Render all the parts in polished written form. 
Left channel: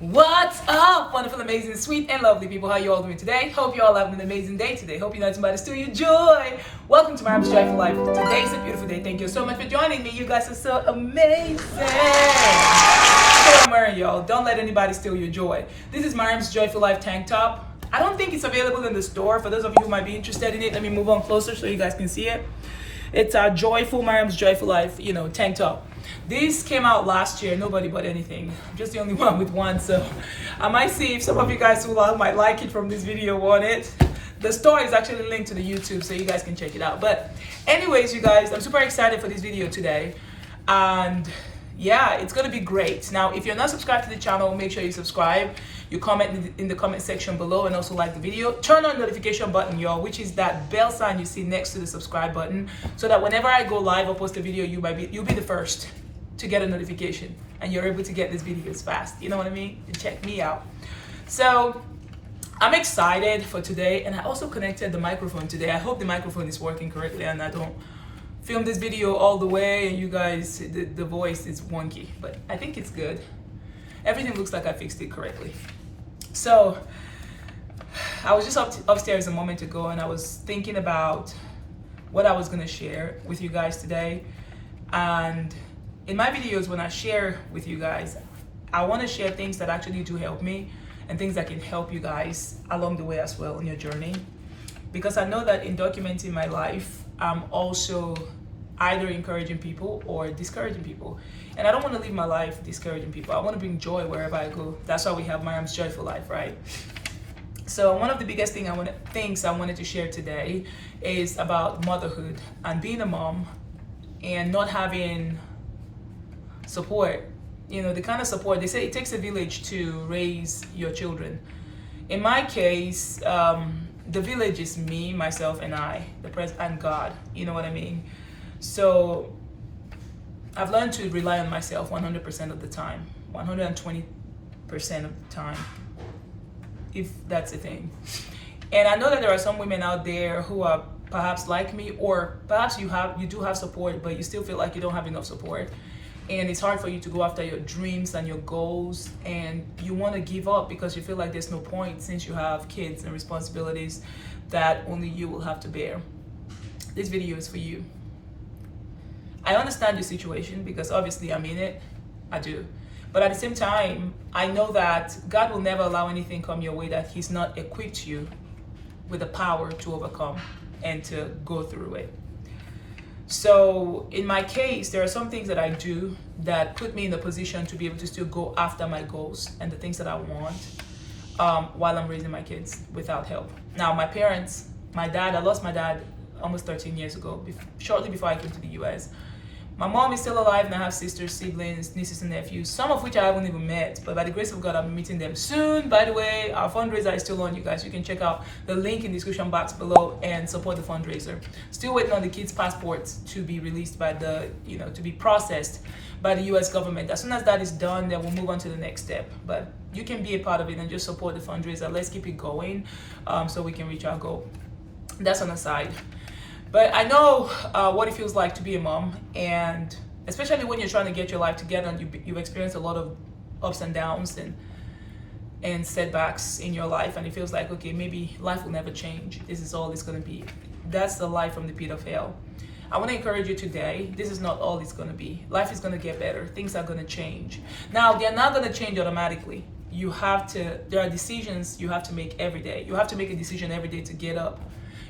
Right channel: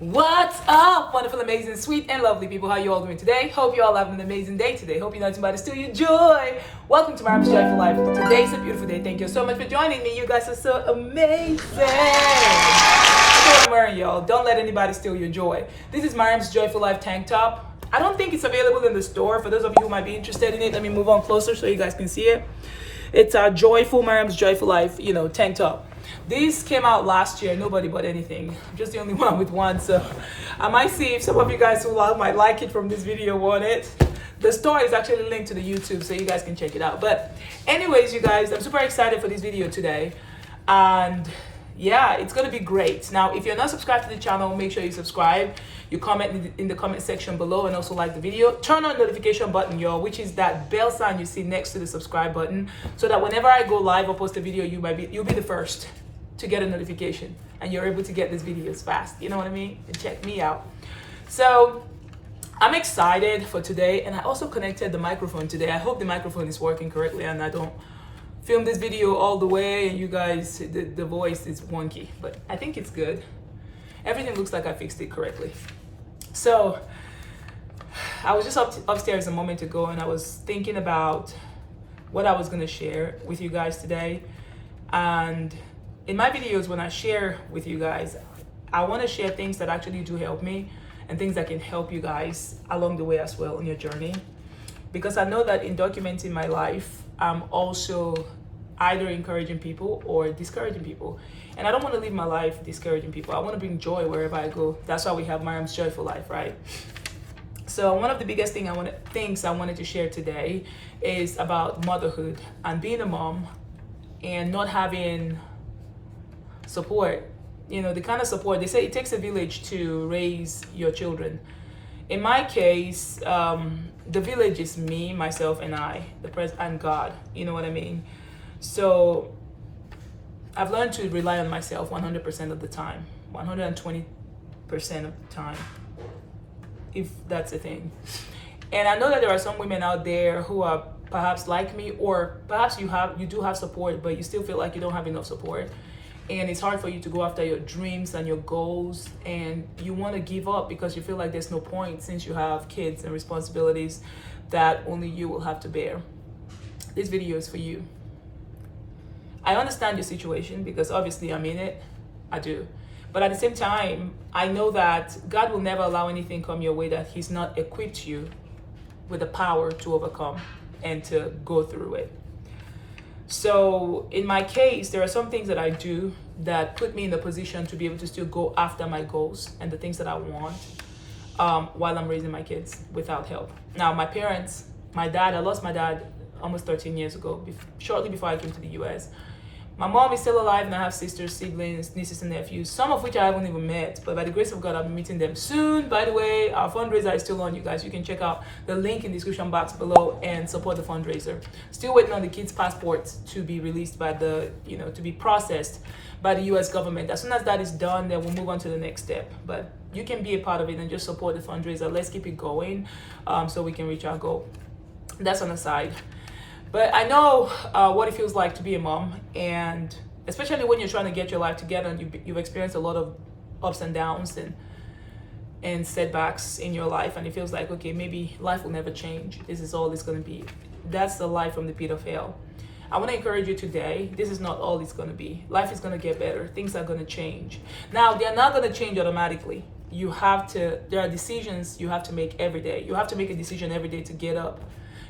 What's up, wonderful, amazing, sweet, and lovely people? How you all doing today? Hope you all having an amazing day today. Hope you're not somebody to steal your joy. Welcome to Maryam's Joyful Life. Today's a beautiful day. Thank you so much for joining me. You guys are so amazing. That's what I'm wearing, y'all. Don't let anybody steal your joy. This is Maryam's Joyful Life tank top. I don't think it's available in the store. For those of you who might be interested in it, let me move on closer so you guys can see it. It's our joyful Maryam's Joyful Life, tank top. This came out last year. Nobody bought anything. I'm just the only one with one, so I might see if some of you guys who might like it from this video want it. The store is actually linked to the YouTube, so you guys can check it out. But anyways, you guys, I'm super excited for this video today, and yeah, it's gonna be great. Now, if you're not subscribed to the channel, make sure you subscribe. You comment in the comment section below, and also like the video. Turn on the notification button, y'all, which is that bell sign you see next to the subscribe button, so that whenever I go live or post a video, you'll be the first to get a notification, and you're able to get these videos fast. You know what I mean? And check me out. So I'm excited for today, and I also connected the microphone today. I hope the microphone is working correctly and I don't film this video all the way and you guys, the voice is wonky, but I think it's good. Everything looks like I fixed it correctly. So I was just upstairs a moment ago, and I was thinking about what I was gonna share with you guys today. And in my videos, when I share with you guys, I want to share things that actually do help me and things that can help you guys along the way as well on your journey. Because I know that in documenting my life, I'm also either encouraging people or discouraging people. And I don't want to live my life discouraging people. I want to bring joy wherever I go. That's why we have Maryam's Joyful Life, right? So one of the biggest things I wanted to share today is about motherhood and being a mom and not having support. The kind of support, they say it takes a village to raise your children. In my case, the village is me, myself, and and God. You know what I mean? So I've learned to rely on myself 100% of the time, 120% of the time, if that's a thing. And I know that there are some women out there who are perhaps like me, or perhaps you do have support, but you still feel like you don't have enough support. And it's hard for you to go after your dreams and your goals, and you want to give up because you feel like there's no point since you have kids and responsibilities that only you will have to bear. This video is for you. I understand your situation because obviously I'm in it. I do. But at the same time, I know that God will never allow anything come your way that He's not equipped you with the power to overcome and to go through it. So in my case, there are some things that I do that put me in a position to be able to still go after my goals and the things that I want while I'm raising my kids without help. Now, I lost my dad almost 13 years ago, shortly before I came to the US. My mom is still alive, and I have sisters, siblings, nieces, and nephews, some of which I haven't even met, but by the grace of God, I'll be meeting them soon. By the way, our fundraiser is still on, you guys. You can check out the link in the description box below and support the fundraiser. Still waiting on the kids' passports to be released to be processed by the US government. As soon as that is done, then we'll move on to the next step. But you can be a part of it and just support the fundraiser. Let's keep it going so we can reach our goal. That's on the side. But I know what it feels like to be a mom, and especially when you're trying to get your life together and you've experienced a lot of ups and downs and setbacks in your life, and it feels like, okay, maybe life will never change. This is all it's going to be. That's the life from the pit of hell. I want to encourage you today, this is not all it's going to be. Life is going to get better. Things are going to change. Now, they're not going to change automatically. There are decisions you have to make every day. You have to make a decision every day to get up.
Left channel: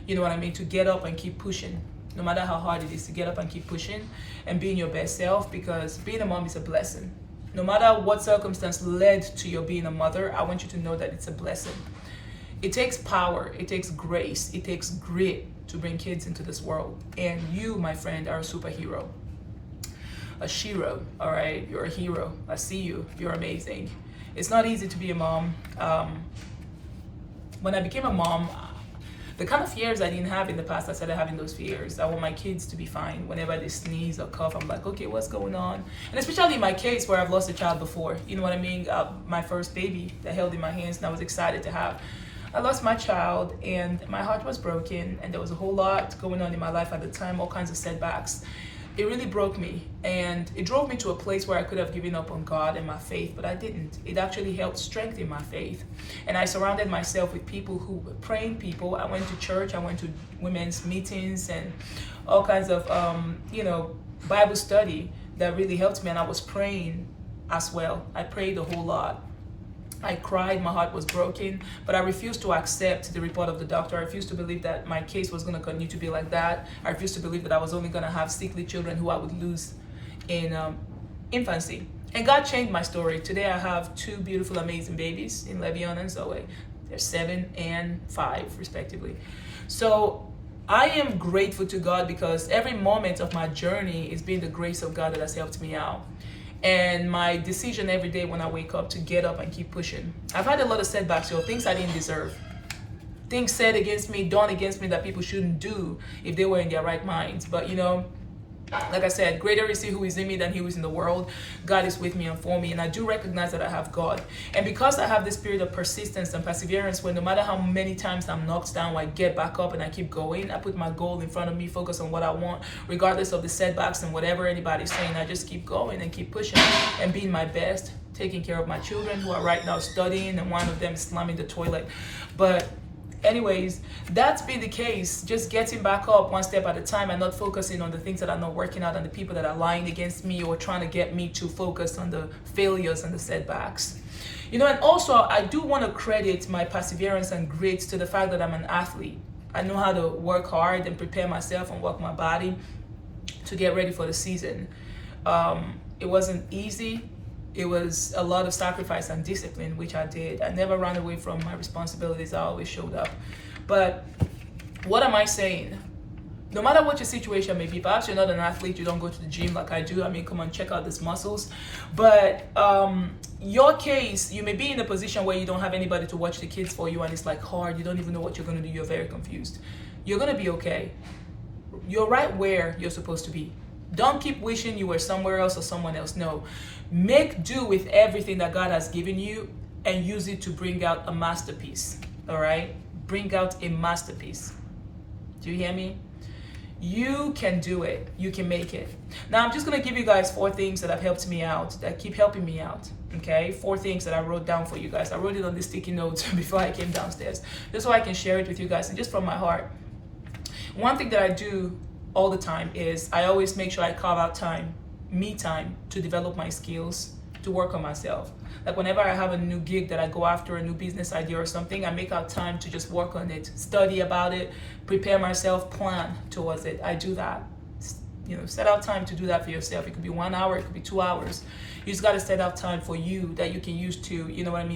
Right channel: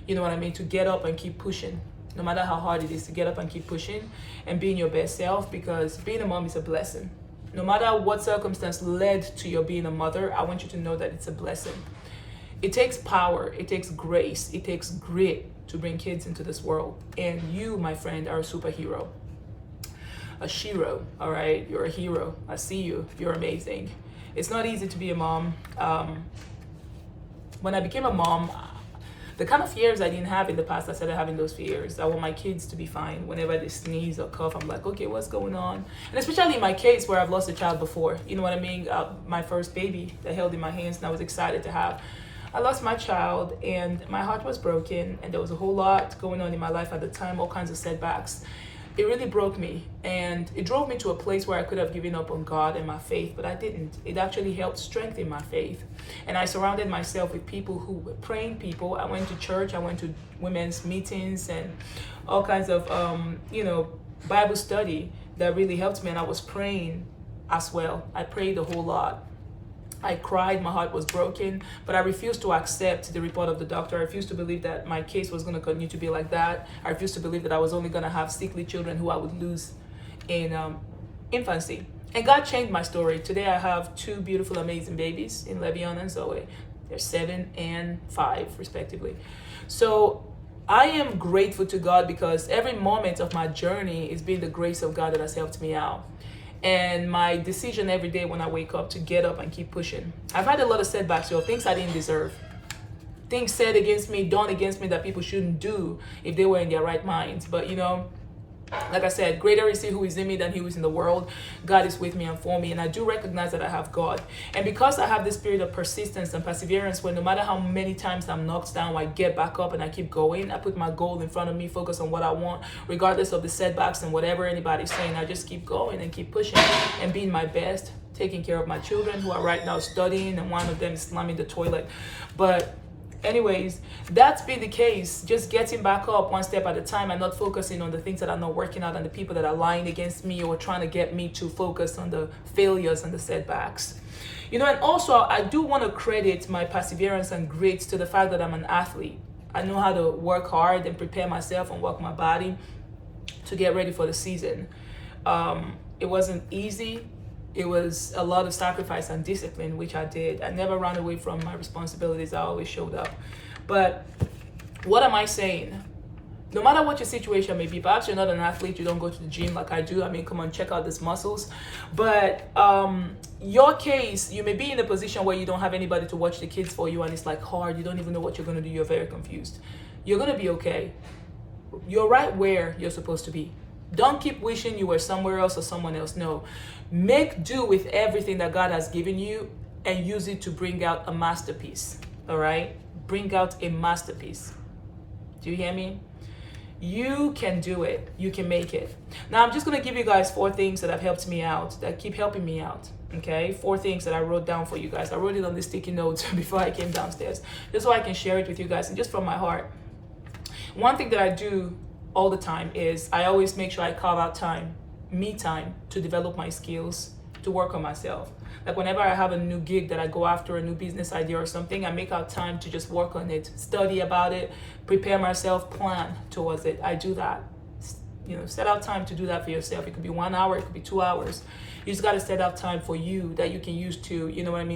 You know what I mean? To get up and keep pushing. No matter how hard it is, to get up and keep pushing and being your best self, because being a mom is a blessing. No matter what circumstance led to your being a mother, I want you to know that it's a blessing. It takes power, it takes grace, it takes grit to bring kids into this world. And you, my friend, are a superhero. A shiro, all right? You're a hero. I see you. You're amazing. It's not easy to be a mom. When I became a mom, the kind of fears I didn't have in the past, I started having those fears. I want my kids to be fine. Whenever they sneeze or cough, I'm like, okay, what's going on? And especially in my case where I've lost a child before, you know what I mean? My first baby that held in my hands and I was excited to have. I lost my child and my heart was broken, and there was a whole lot going on in my life at the time, all kinds of setbacks. it really broke me, and it drove me to a place where I could have given up on God and my faith, but I didn't. It actually helped strengthen my faith. And I surrounded myself with people who were praying people. I went to church, I went to women's meetings and all kinds of Bible study that really helped me. And I was praying as well. I prayed a whole lot. I cried, my heart was broken, but I refused to accept the report of the doctor. I refused to believe that my case was going to continue to be like that. I refused to believe that I was only going to have sickly children who I would lose in infancy. And God changed my story. Today I have two beautiful, amazing babies in Levion and Zoe. They're 7 and 5, respectively. So I am grateful to God because every moment of my journey is been the grace of God that has helped me out. And my decision every day when I wake up to get up and keep pushing. I've had a lot of setbacks, things I didn't deserve. Things said against me, done against me that people shouldn't do if they were in their right minds. But like I said, greater is he who is in me than he who is in the world. God is with me and for me. And I do recognize that I have God. And because I have this spirit of persistence and perseverance, where no matter how many times I'm knocked down, I get back up and I keep going. I put my goal in front of me, focus on what I want, regardless of the setbacks and whatever anybody's saying. I just keep going and keep pushing and being my best, taking care of my children who are right now studying, and one of them is slamming the toilet. But anyways, that's been the case, just getting back up one step at a time and not focusing on the things that are not working out and the people that are lying against me or trying to get me to focus on the failures and the setbacks. And also I do want to credit my perseverance and grit to the fact that I'm an athlete. I know how to work hard and prepare myself and work my body to get ready for the season. It wasn't easy. It was a lot of sacrifice and discipline, which I did. I never ran away from my responsibilities. I always showed up. But what am I saying? No matter what your situation may be, perhaps you're not an athlete, you don't go to the gym like I do. I mean, come on, check out these muscles. But your case, you may be in a position where you don't have anybody to watch the kids for you, and it's like hard. You don't even know what you're going to do. You're very confused. You're going to be okay. You're right where you're supposed to be. Don't keep wishing you were somewhere else or someone else. No. Make do with everything that God has given you and use it to bring out a masterpiece. All right? Bring out a masterpiece. Do you hear me? You can do it. You can make it. Now, I'm just going to give you guys 4 things that have helped me out, that keep helping me out. Okay? 4 things that I wrote down for you guys. I wrote it on the sticky notes before I came downstairs, just so I can share it with you guys and just from my heart. One thing that I do all the time is I always make sure I carve out time, me time, to develop my skills, to work on myself. Like whenever I have a new gig that I go after, a new business idea or something, I make out time to just work on it, study about it, prepare myself, plan towards it. I do that. Set out time to do that for yourself. It could be 1 hour, it could be 2 hours. You just got to set out time for you that you can use to,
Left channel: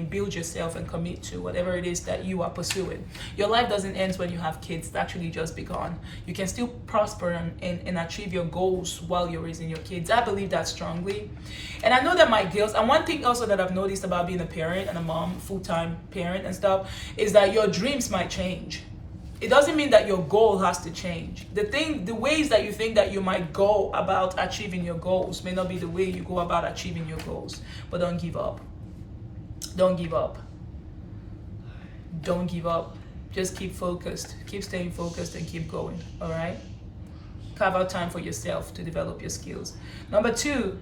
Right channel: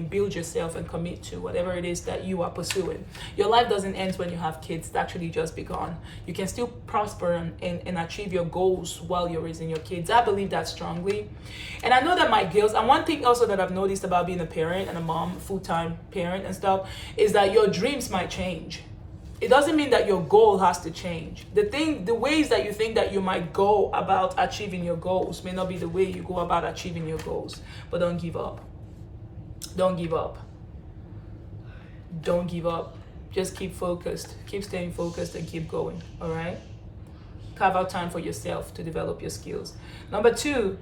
build yourself and commit to whatever it is that you are pursuing. Your life doesn't end when you have kids. It's actually just begun. You can still prosper and achieve your goals while you're raising your kids. I believe that strongly. And I know that my girls, and one thing also that I've noticed about being a parent and a mom, full-time parent and stuff, is that your dreams might change. It doesn't mean that your goal has to change. The ways that you think that you might go about achieving your goals may not be the way you go about achieving your goals. But don't give up. Don't give up. Don't give up. Just keep focused. Keep staying focused and keep going. All right? Carve out time for yourself to develop your skills. Number 2,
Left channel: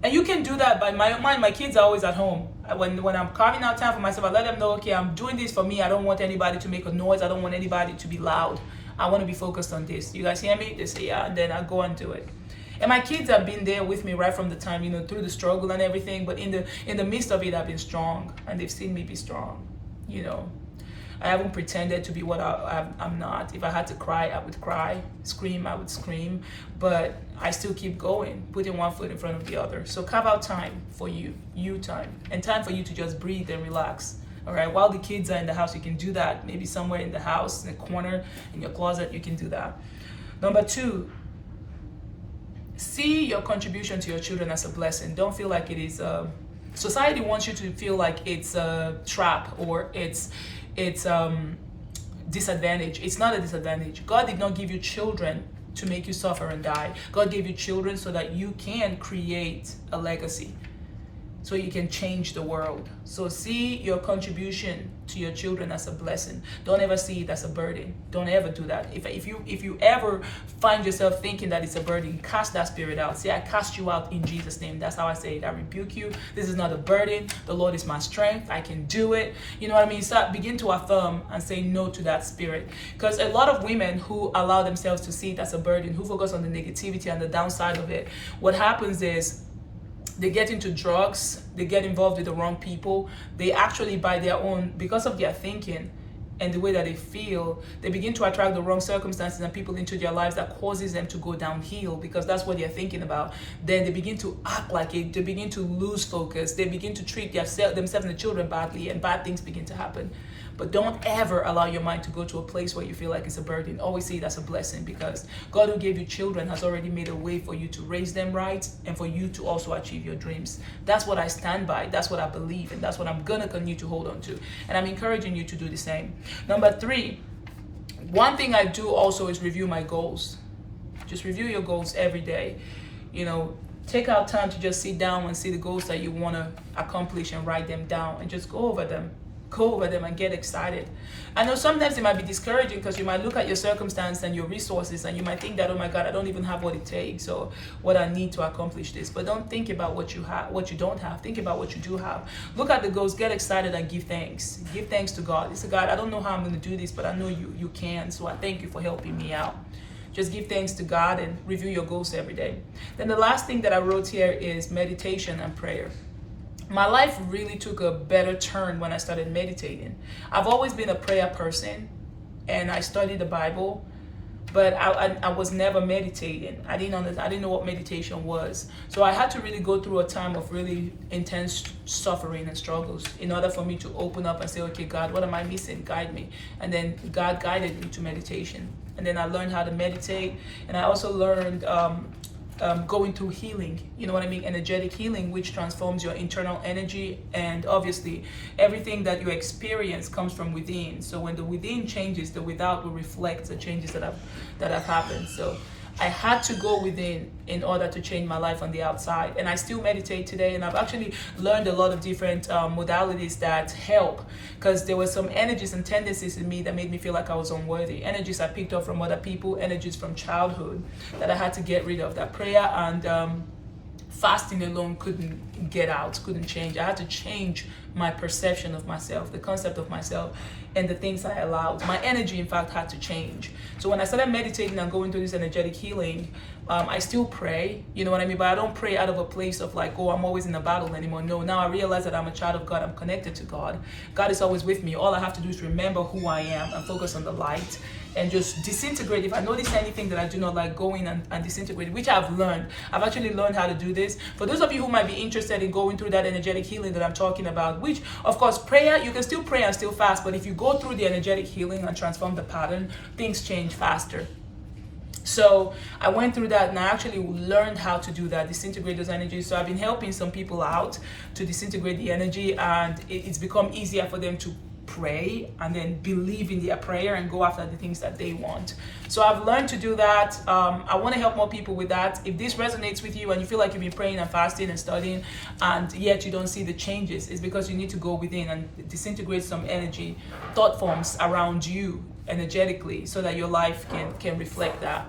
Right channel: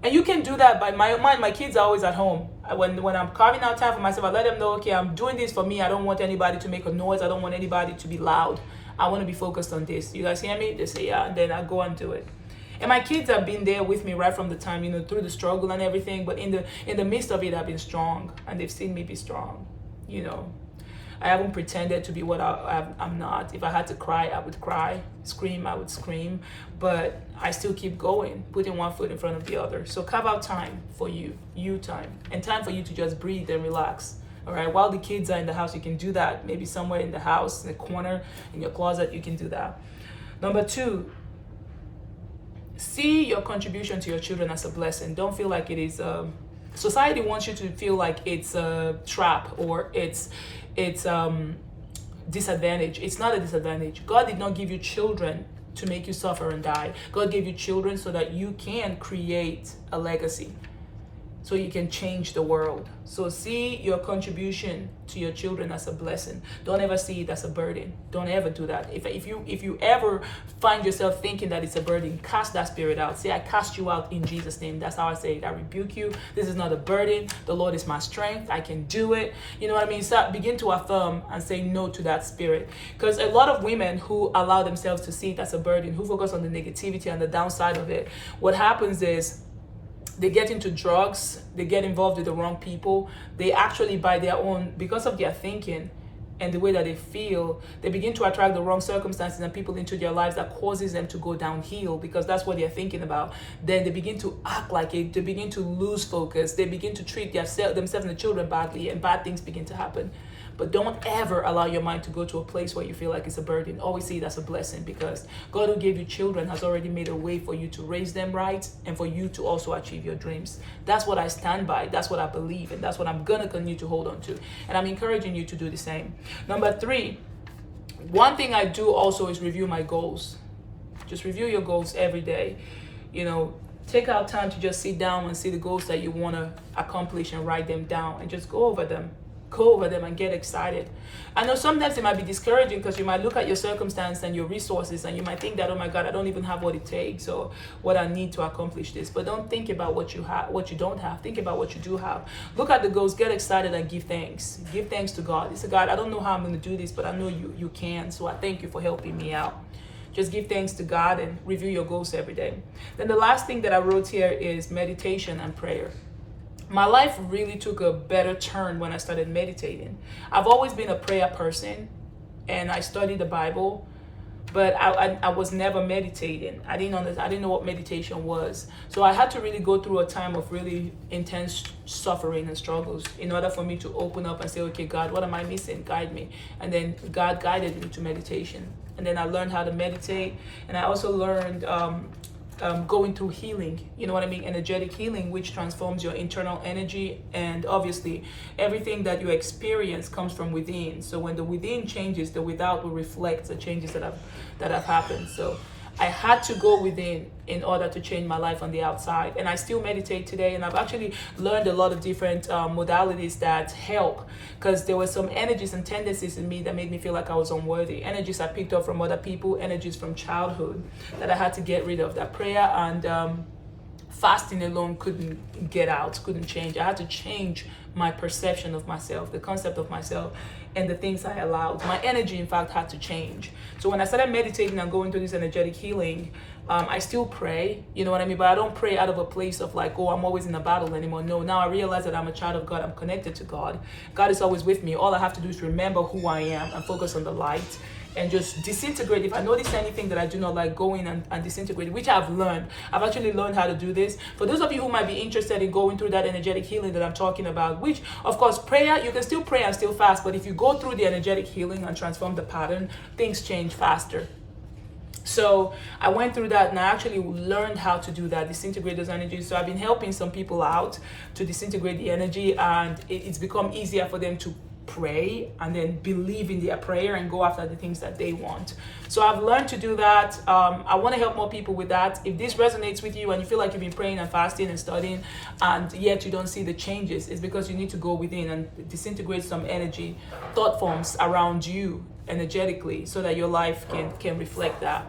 and you can do that by my kids are always at home. When I'm carving out time for myself, I let them know, okay, I'm doing this for me. I don't want anybody to make a noise. I don't want anybody to be loud. I want to be focused on this. You guys hear me? They say, yeah, and then I go and do it. And my kids have been there with me right from the time, through the struggle and everything. But in the midst of it, I've been strong, and they've seen me be strong. I haven't pretended to be what I'm not. If I had to cry, I would cry. Scream, I would scream. But I still keep going, putting one foot in front of the other. So carve out time for you time, and time for you to just breathe and relax. All right, while the kids are in the house, you can do that. Maybe somewhere in the house, in the corner, in your closet, you can do that. Number 2, see your contribution to your children as a blessing. Don't feel like it is society wants you to feel like it's a trap or it's disadvantage. It's not a disadvantage. God did not give you children to make you suffer and die. God gave you children so that you can create a legacy. so you can change the world. So see your contribution to your children as a blessing. Don't ever see it as a burden. Don't ever do that. If you ever find yourself thinking that it's a burden, cast that spirit out. Say, I cast you out in Jesus' name. That's how I say it. I rebuke you. This is not a burden. The Lord is my strength. I can do it. You know what I mean? So begin to affirm and say no to that spirit. Because a lot of women who allow themselves to see it as a burden, who focus on the negativity and the downside of it, what happens is they get into drugs, they get involved with the wrong people. They actually, by their own, because of their thinking and the way that they feel, they begin to attract the wrong circumstances and people into their lives that causes them to go downhill, because that's what they're thinking about. Then they begin to act like it. They begin to lose focus. They begin to treat themselves and the children badly, and bad things begin to happen. But don't ever allow your mind to go to a place where you feel like it's a burden. Always see it as a blessing, because God who gave you children has already made a way for you to raise them right and for you to also achieve your dreams. That's what I stand by. That's what I believe. And that's what I'm going to continue to hold on to. And I'm encouraging you to do the same. Number 3, one thing I do also is review my goals. Just review your goals every day. You know, take out time to just sit down and see the goals that you want to accomplish and write them down and just go over them and get excited. I know sometimes it might be discouraging, because you might look at your circumstance and your resources and you might think that, oh my God, I don't even have what it takes or what I need to accomplish this. But don't think about what you have, what you don't have. Think about what you do have. Look at the goals, get excited, and give thanks. Give thanks to God. Say, God, I don't know how I'm going to do this, but I know you can. So I thank you for helping me out. Just give thanks to God and review your goals every day. Then the last thing that I wrote here is meditation and prayer. My life really took a better turn when I started meditating. I've always been a prayer person, and I studied the Bible, but I was never meditating. I didn't know what meditation was. So I had to really go through a time of really intense suffering and struggles in order for me to open up and say, okay, God, what am I missing? Guide me. And then God guided me to meditation. And then I learned how to meditate, and I also learned going through healing, you know what I mean, energetic healing, which transforms your internal energy. And obviously everything that you experience comes from within. So when the within changes, the without will reflect the changes that have happened. So I had to go within in order to change my life on the outside. And I still meditate today, and I've actually learned a lot of different modalities that help, because there were some energies and tendencies in me that made me feel like I was unworthy. Energies I picked up from other people, energies from childhood that I had to get rid of, that prayer and fasting alone couldn't get out, couldn't change. I had to change my perception of myself, the concept of myself, and the things I allowed. My energy, in fact, had to change. So when I started meditating and going through this energetic healing, I still pray, you know what I mean? But I don't pray out of a place of like, oh, I'm always in a battle anymore. No, now I realize that I'm a child of God. I'm connected to God. God is always with me. All I have to do is remember who I am and focus on the light and just disintegrate. If I notice anything that I do not like, go in and disintegrate, which I've learned. I've actually learned how to do this. For those of you who might be interested in going through that energetic healing that I'm talking about, which of course prayer, you can still pray and still fast, but if you go through the energetic healing and transform the pattern, things change faster. So I went through that, and I actually learned how to do that, disintegrate those energies. So I've been helping some people out to disintegrate the energy, and it's become easier for them to pray and then believe in their prayer and go after the things that they want. So I've learned to do that. I want to help more people with that. If this resonates with you and you feel like you've been praying and fasting and studying and yet you don't see the changes, it's because you need to go within and disintegrate some energy, thought forms around you energetically, so that your life can reflect that.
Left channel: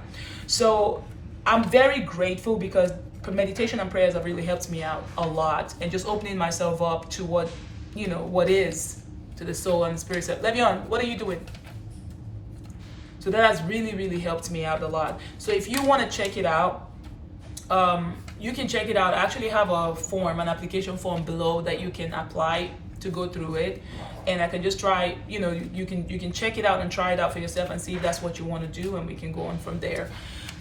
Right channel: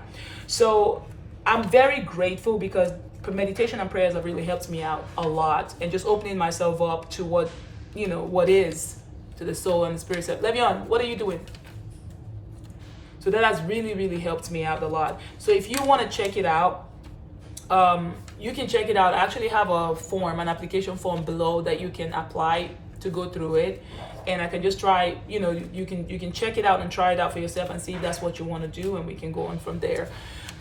So I'm very grateful, because meditation and prayers have really helped me out a lot, and just opening myself up to what is, to the soul and the spirit. So, Levion, what are you doing? So that has really, really helped me out a lot. So if you want to check it out, you can check it out. I actually have a form, an application form below that you can apply to go through it. And I can just try, you can check it out and try it out for yourself and see if that's what you want to do, and we can go on from there.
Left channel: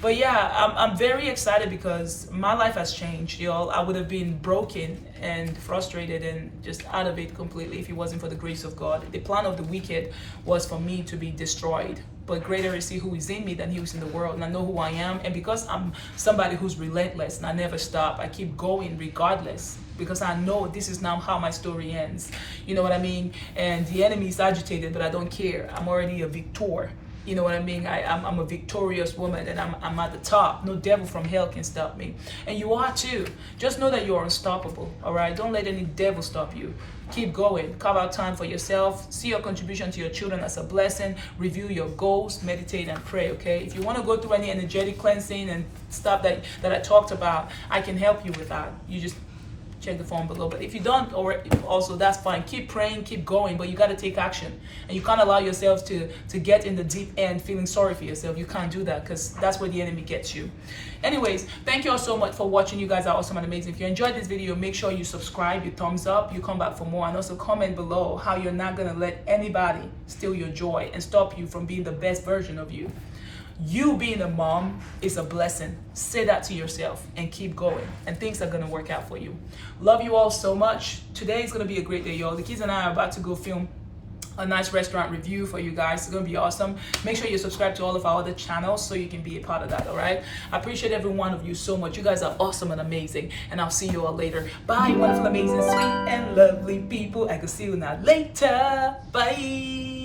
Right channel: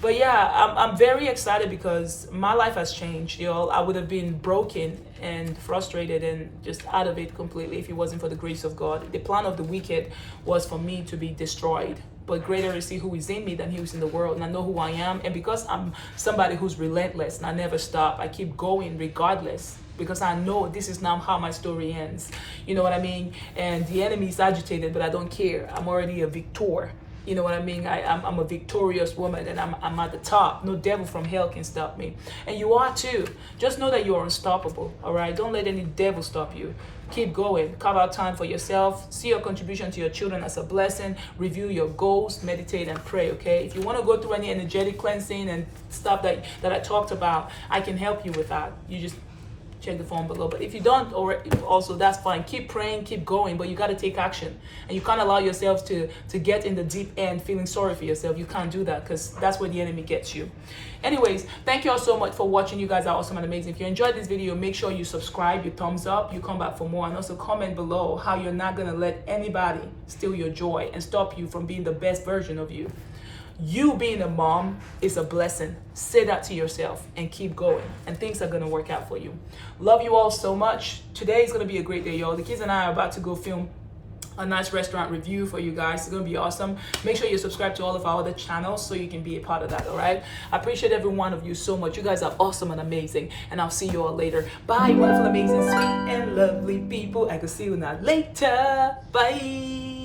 But yeah, I'm very excited because my life has changed, y'all. I would have been broken and frustrated and just out of it completely if it wasn't for the grace of God. The plan of the wicked was for me to be destroyed. But greater is he who is in me than he who is in the world. And I know who I am. And because I'm somebody who's relentless and I never stop, I keep going regardless. Because I know this is now how my story ends. You know what I mean? And the enemy is agitated, but I don't care. I'm already a victor. You know what I mean? I'm a victorious woman, and I'm at the top. No devil from hell can stop me. And you are too. Just know that you are unstoppable, all right? Don't let any devil stop you. Keep going. Carve out time for yourself. See your contribution to your children as a blessing. Review your goals. Meditate and pray, okay? If you want to go through any energetic cleansing and stuff that I talked about, I can help you with that. You just check the form below. But if you don't, or also, that's fine. Keep praying, keep going, but you got to take action. And you can't allow yourself to get in the deep end feeling sorry for yourself. You can't do that, because that's where the enemy gets you. Anyways, thank you all so much for watching. You guys are awesome and amazing. If you enjoyed this video, make sure you subscribe, you thumbs up, you come back for more, and also comment below how you're not going to let anybody steal your joy and stop you from being the best version of you. You being a mom is a blessing. Say that to yourself and keep going, and things are going to work out for you. Love you all so much. Today is going to be a great day, y'all. The kids and I are about to go film a nice restaurant review for you guys. It's going to be awesome. Make sure you subscribe to all of our other channels so you can be a part of that, all right? I appreciate every one of you so much. You guys are awesome and amazing, and I'll see you all later. Bye, wonderful, amazing, sweet, and lovely people. I can see you now later. Bye.